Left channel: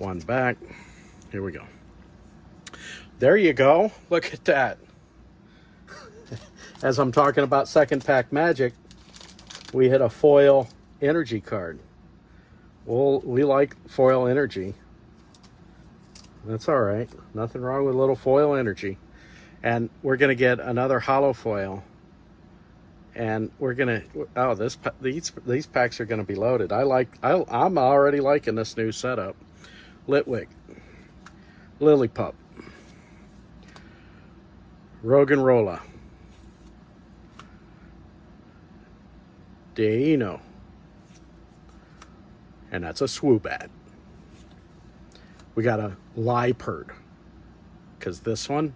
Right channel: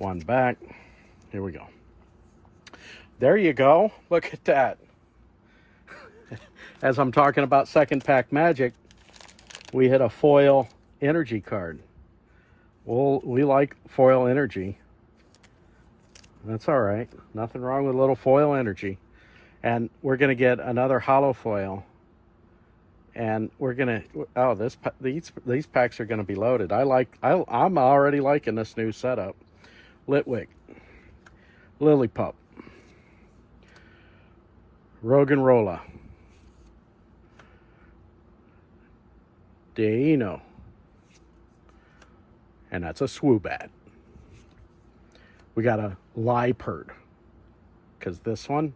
One back. Here we go. There you go. Look at that. As I'm talking about second pack magic, we hit a foil energy card. Well, we like foil energy. That's all right. Nothing wrong with a little foil energy. And we're going to get another holo foil. And we're going to, oh, these packs are going to be loaded. I'm already liking this new setup. Litwick, Lillipup, Roggenrola, Deino, and that's a Swoobat. We got a Liepard, because this one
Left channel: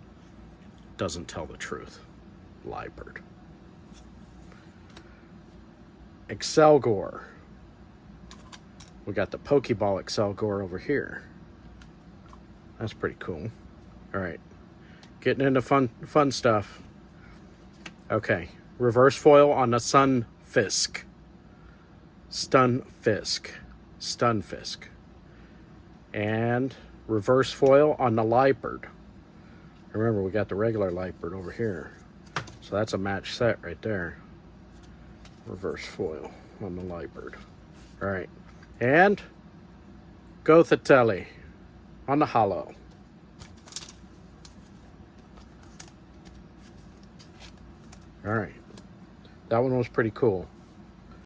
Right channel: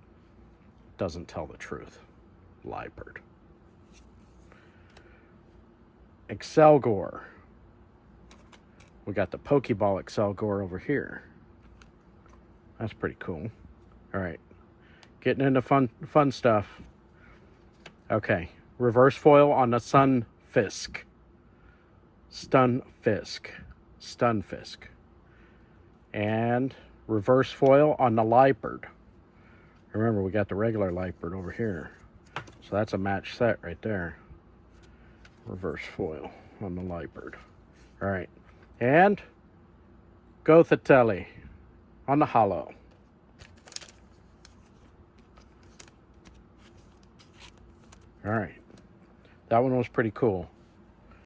doesn't tell the truth. Liepard. Excelgor. We got the Pokeball Excelgor over here. That's pretty cool. All right. Getting into fun stuff. Okay. Reverse foil on the Stunfisk. Stunfisk. And reverse foil on the Liepard. Remember, we got the regular Liepard over here. So that's a match set right there. Reverse foil on the Liepard. All right. And Gothitelle on the holo. All right. That one was pretty cool.